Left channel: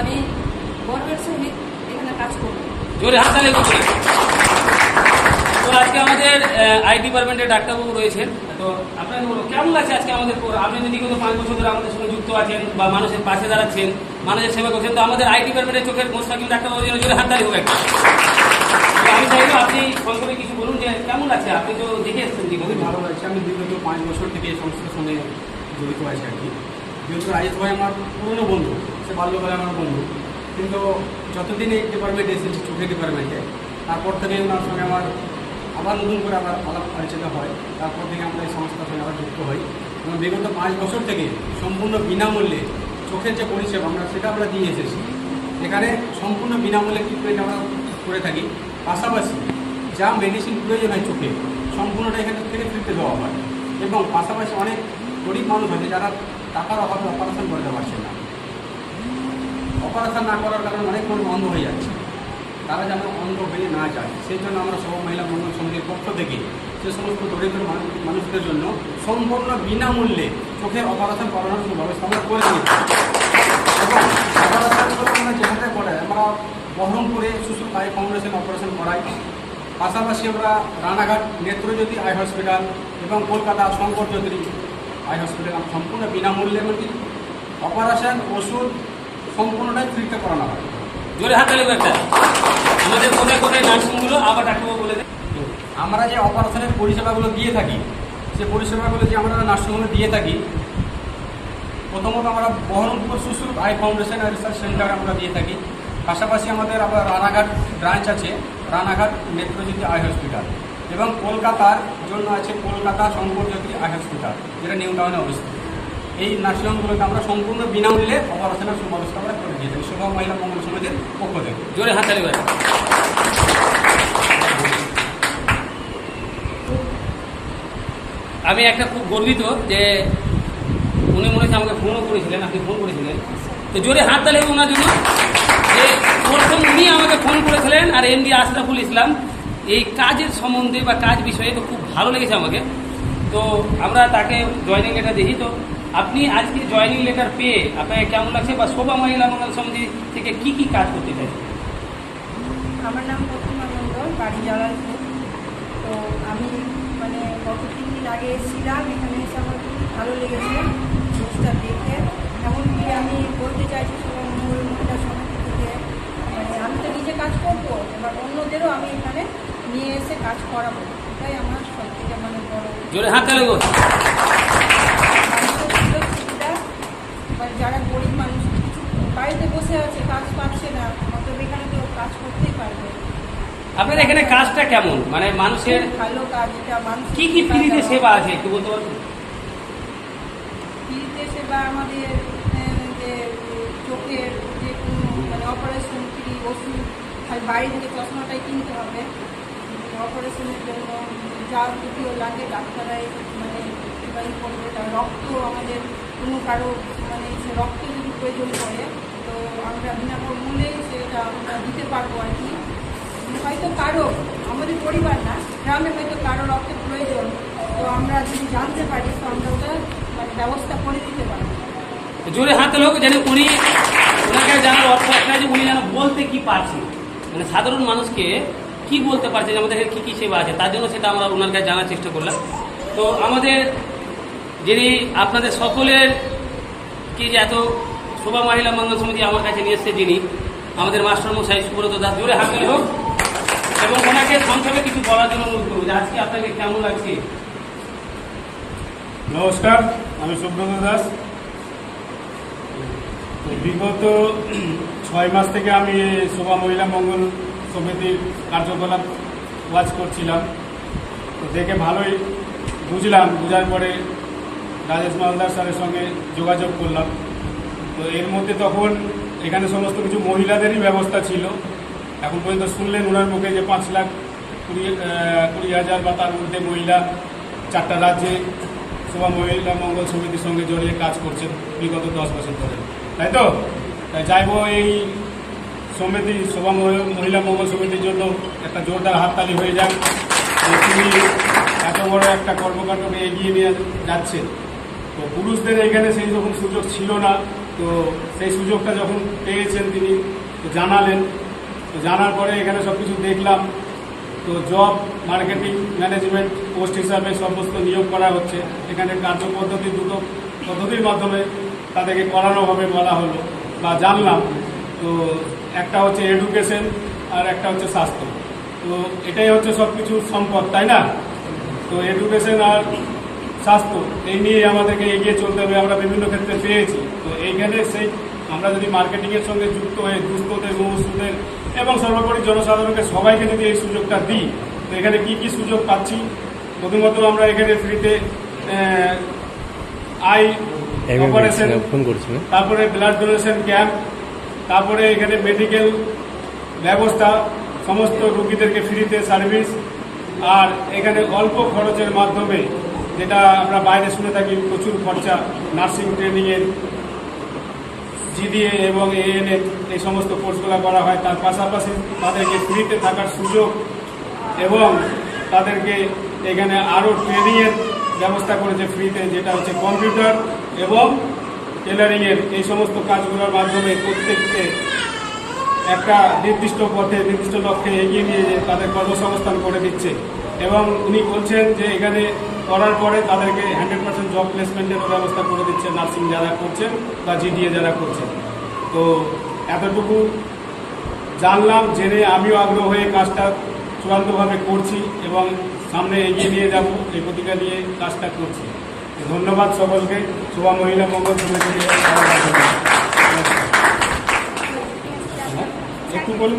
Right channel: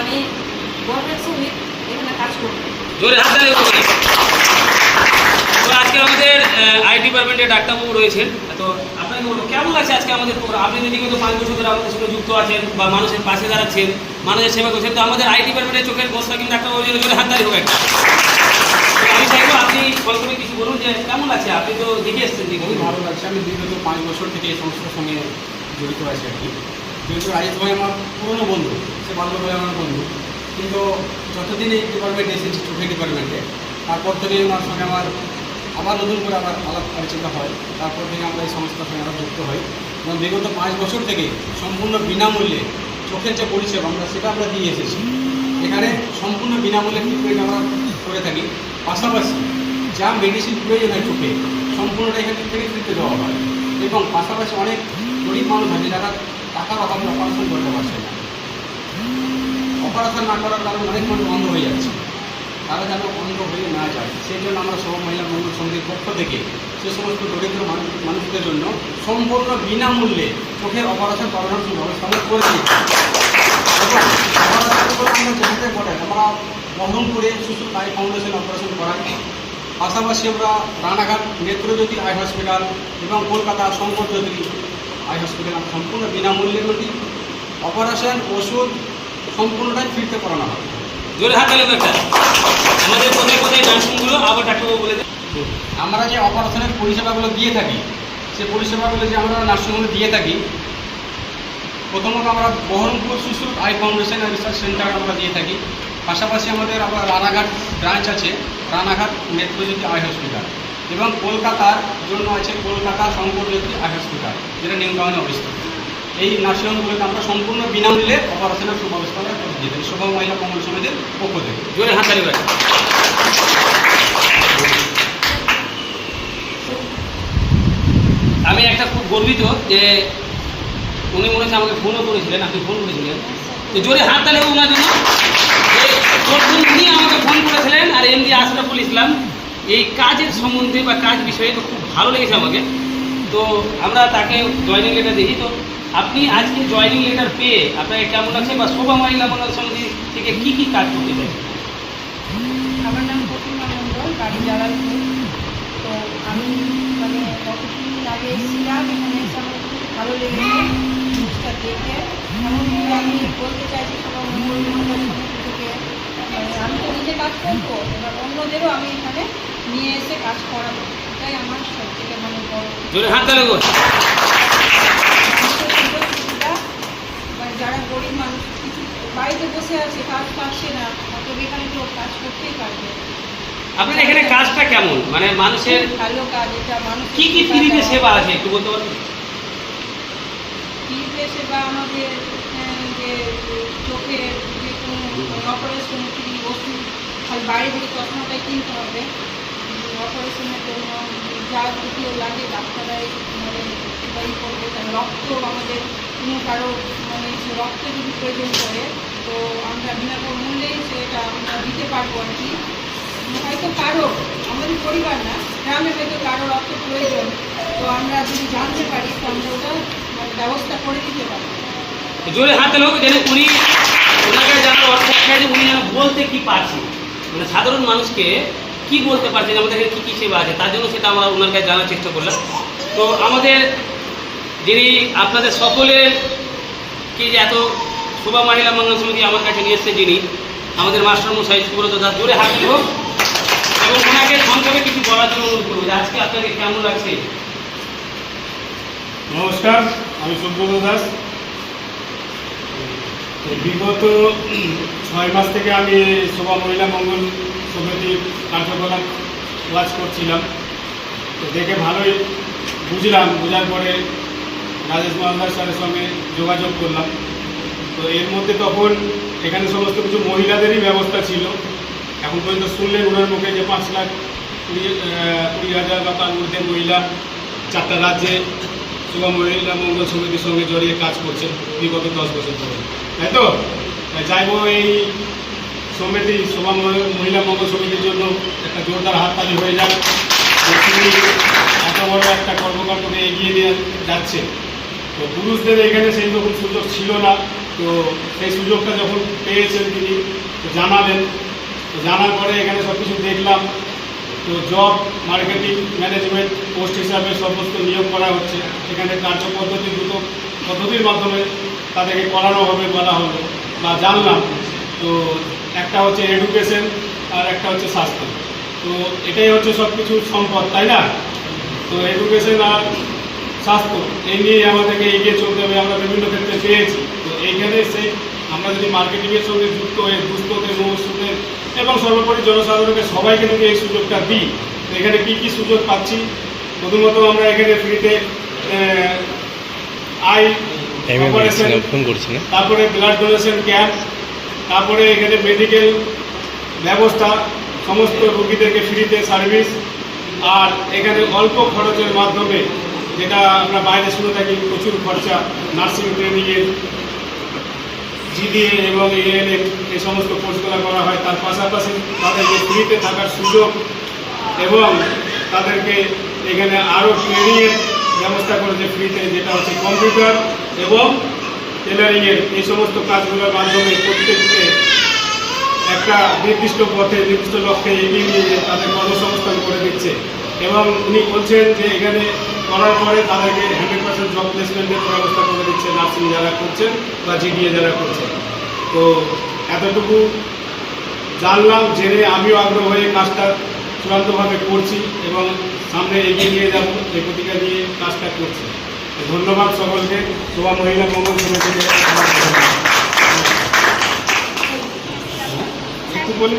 আমি গর্বের সহিত এখানে কাজ করব। জোরে হাত তালি উঠবে। তো আজকে আমাদের আই ডিপার্টমেন্টের ডাক্তারবাবু রয়েছেন। তো আপনাকে বলবো কেমন লাগছে আজকে আমাদের আপনি যদি কিন্তু 5 বছর ধরে আমাদের সঙ্গে যুক্ত আছেন বা মানুষের পাশে দাঁড়াচ্ছেন, মানুষের সেবা করছেন, তো আমাদের আই ডিপার্টমেন্টের চোখের বস্তা কিন্তু ডাক্তারবাবু জোরে হাত তালি হবে। আমি চাইবো আপনি প্রথমে কিছু বলুন যে কেমন লাগছে, আপনি তো দেখে এসছেন। খুবই ভালো লাগছে। আমি বিগত 5 বছর থেকে এই সংস্থার সঙ্গে জড়িত আছি আর কি। যেহেতু রাজেশ ভাই আমার পুরনো বন্ধু, সে বাল্যকালে আমার বন্ধু, কিন্তু যতদিন এই ডিপার্টমেন্টে এসেছি, চোখের ডিপার্টমেন্টে, তারপর থেকে ওনার সঙ্গে আমার আবার নতুন করে আবার আলাপ আলোচনা হয়। তারপর থেকে আমরা এই সংস্থার সঙ্গে আবার যুক্ত হই এবং বিগত 5 বছর থেকে সম্পূর্ণ বিনামূল্যে চোখের যে পরিষেবা আমরা দিয়ে এসেছি। এখানে সম্পূর্ণ বিনামূল্যে ট্রিটমেন্ট আমরা করে থাকি। পাশাপাশি যা মেডিসিন প্রয়োজন হয় চোখে, সম্পূর্ণটা এখান থেকে ফ্রিতে দেওয়া হয়। এবং পাশাপাশি অনেক গরিব মানুষ আছে যারা টাকার অভাবে অপারেশন করতে পারছে না। অপারেশন না করার কারণে অনেক মানুষ অন্ধ হয়ে যাচ্ছে। তারা যেন অন্ধ হয়ে না যায়, সেই জন্য আমরা সব মহিলা মঙ্গল সমিতির পক্ষ থেকে সে সমস্ত দরিদ্র মানুষদের জন্য সম্পূর্ণ বিনামূল্যে চোখের অপারেশন করানোর ব্যবস্থা আমরা করে দিয়েছি। এবং অপারেশনগুলো আমরা যেখানে করাই, আমরা বহরমপুরে সুসুর আই ফাউন্ডেশন অপারেশন করাই। পাশাপাশি আমরা রানাঘাট নেত্রজ্যোতি আই হসপিটাল এবং কলকাতা শঙ্কর চৌধুরী আই হসপিটাল সম্পূর্ণ বিনামূল্যে মধ্যে অপারেশন, ওষুধ সম্পূর্ণটাই ফ্রিতে করানো হয়। জোরে হাত তালি একটা। আমাদের কোথায় কোথায় নার্সিংগুলো আবার ডাক্তারবাবু বলে দেন। আমরা যে অপারেশনের পরিষেবাগুলো দিয়ে থাকি, সে পরিষেবাগুলো যে আমরা নার্সিংহোমে দিয়ে থাকি, প্রথমত আমরা বহরমপুর সুসুর আই ফাউন্ডেশন রিসার্চ সেন্টার আমরা দিয়ে থাকি। পাশাপাশি আমাদের আবার রানাঘাট ব্রাঞ্চ আছে, রানাঘাট নেত্রজ্যোতি আই হসপিটাল, এবং কলকাতার জন্য আছে কলকাতা শঙ্করজ্যোতি আই হসপিটাল, যেটা নিউ টাউনে অবস্থিত। এই নার্সিংহোমগুলোতে আমরা সম্পূর্ণ বিনামূল্যে অপারেশনের সুব্যবস্থা আমরা করে দিয়ে থাকি শোভা মহিলা মঙ্গল সমিতির পক্ষ থেকে। জোরে হাত তালি একটা। আমি একটা খুব গর্বিত যে উনি মনে হচ্ছে আমাকে ফোনও করেছিলেন, আপনি ফোন করেছিলেন, তো জোরে হাত তালি ওনার জন্য যে প্রথম উনি আমাকে ফোন করেছিলেন। আর এমডি আশরাফুল ইসলাম এই কাজের সম্বন্ধে বা কাজ বিষয়ে তো খুব ভালো লেগেছে আমাকে। তো আমরা তাকে জয়েনিং লেটার দিই। তো আপনি আজকে জয়েনিং লেটার পেয়ে আপনাকে কেমন লাগছে, বা শোভা মহিলা মঙ্গল সমিতি থেকে কী কী কাজ করতে চাইছেন? আমার নাম প্রতিমা মণ্ডল, বাড়ি জালালপুর। তো আমি কতদিন আগে এসেছিলাম, এখানে এসে আমার খুব ভালো লেগেছে জিনিসটা দেখে। এমনকি আমি বলতে চাইছি সবার মঙ্গল মহিলা সমিতি থেকে আমি তো নিজে কাজ করবো, এবার অন্যদেরও আমি এখানে নিয়ে এসে কাজ করাবো। এটাই আমার সব থেকে বড় জোরে হাত তালি। মানুষের সুযোগ সুবিধা। এবার যারা গরিব মানুষ কিছু বাড়িতে বসে আছে, কাজ পাচ্ছে না, তবে এখানে তো কাজ করতেই পারবে। আপনার এখানে কাজটা কেমন, মানে মানুষের ভালো কাজ, এটা মানুষ কি কি ফ্রিতে সেবা আছে একটু বলতে পারবেন? ফ্রিতে সেবা আমাদের যে চোখের যে কোনো অপারেশন ফ্রি, ওষুধ, আর বাইরে থেকে চশমাটাই কিনতে হবে। অপারেশনের জন্য যা যদিও লাগে ডাক্তারাই সেটাই করবে। তার রক্ত আমাদের কোনো কারো সে রক্ত যদি প্রয়োজন পড়ে, তো আমরা বিনামূল্যে সেটা আমরা দিতে পারবো আর কি। হয়তো কারো, আমাদের পরিবার না, গ্রামে হয়তো কারো রক্ত প্রয়োজন, তো আমরা যদি জানতে পারি তো আমরা ওটা ব্যবস্থা করে দিতে পারবো। জোরে হাতে লোক যেন উনি ওনাকে জানার অর্থ একটা যে উনি যেন বলতে কি পারছেন, মানে সাধারণ মানুষকে কি বলতে পারছেন যে আমাদের এখানে কী কী সেবা আছে, তার জন্য সেটা আমরা ওনার কাছে জানার চেষ্টা করলাম। তো আমাদের যিনি আপনাদের সকলের কি যে এত শোভা মহিলা মঙ্গল সমিতি আমার কাছে নিয়ে এসছে, যিনি আমাদের মাস্টারমশাই সুব্রত দাস, জোরে হাতে লোক, এবং ওনাকে সংক্ষেপে কিছু বলার জন্য অনুরোধ করবো যে আজকে আপনাকে কেমন লাগছে। নমস্কার, আমি সুব্রত দাস। তো বিগত 6 মাস থেকে আমি শোভা মহিলা মঙ্গল সমিতির কার্যকলাপ ওয়াচ করছিলাম। তো দেখে ভালোই বুঝলাম, বোঝার পরে রাজেশ মালদার স্যারের সঙ্গে যোগাযোগ করলাম। তো এর মধ্যে তখন এখানে সমস্ত কিছু মহিলাদেরই ব্যবস্থা ছিল। এখন পর্যন্ত শুনলেন ওনার মুখে যে 5,20,000 বা তার মধ্যে মহিলা 4টা রাজ্যে শোভা মহিলা মঙ্গল সমিতির সঙ্গে জড়িয়ে কাজ করছেন বিগত 10 বছর ধরে, তাই তো? তাই চাইব এই সমিতি শোভা মহিলা মঙ্গল সমিতির জন্য একটা জোরদার হাততালি হয়ে যাক। তিনি এত বড় একটা কর্মকাণ্ডকে এগিয়ে নিয়ে যাচ্ছে। তো পুরুষদের এখানে সেই রকম সুযোগ ছিল না, তো সেই সুযোগটা যখন পেয়েছেন তিনি তো জানালেন, তো জানার পরে এখানে সব কিছু দেখলাম। তো জব মার্কেটিং ম্যানেজমেন্ট পোস্ট হিসাবে সমস্ত নিয়োগ করা হচ্ছে। এখানে কার্যপদ্ধতি দুটো পদ্ধতির মাধ্যমে তাদেরকে করানো হবে বলা হলো বা জানলাম। তো একটা হচ্ছে এডুকেশন আর একটা হচ্ছে স্বাস্থ্য। তো এটাই হচ্ছে সব কিছুর সম্পদ, তাই না? তো এডুকেশন আর স্বাস্থ্য এই নিয়ে আমাদেরকে এগিয়ে চলতে হবে, আমরা বিভিন্ন ক্ষেত্রে পেয়েছি। তো এইখানে সেই আমরা যদি মার্কেটিংয়ের সঙ্গে যুক্ত হয়ে দুস্থদের মহসুদের এবং সর্বোপরি জনসাধারণকে সবাইকে যদি এই সুযোগটা দিই, তো এখানে কী কী সুযোগ পাচ্ছি? প্রথমত আমরা এখানে ফ্রিতে আই অপারেশন, তারপরে ব্লাড ডোনেশন ক্যাম্প, তারপরে এখানে মেডিকেল ব্যবস্থা, সমস্ত রোগীদেরকে ফ্রিতে সার্ভিস, আর এখানে অল্প খরচের মাধ্যমে, যেটা আমরা বাইরে শুনে থাকি প্রচুর খরচা, নার্সিং ট্রেনিংয়ের জিডিএ এবং এএনএম এই সমস্ত কোর্সগুলো করা হয়। তার পাশাপাশি তাদেরকে ফ্রিতে থাকার সুযোগ এবং তাদেরকে এখানে আরও ট্রেনিংয়ের ব্যবস্থা করেছে ফ্রিতে, যেটা হচ্ছে কম্পিউটার এবং টেলারিংয়ের এই সমস্ত কাজগুলোর মাধ্যমে প্রত্যেককে একটা নির্দিষ্ট পথে নির্দিষ্ট লক্ষ্যে এগিয়ে নিয়ে তাদের কর্মসংস্থান করে দিচ্ছে। এবং উনি বলছেন যে এখানে করার পরে তাদেরকে 100% জব প্লেসমেন্টের ব্যবস্থা করে দিচ্ছে নার্সিং যারা করছেন বা জিডিএ যারা করছেন। তো এতটুকু জানলাম, জেনে আমিও আগ্রহ হয়ে কাজটা চূড়ান্তভাবে করছি এবং সামনে এগিয়ে নিয়ে যাব এই প্রতিজ্ঞা নিয়ে কাজটা করছি। ধন্যবাদ সকলকে। শোভা মহিলা মঙ্গল সমিতিকে একটু বলি।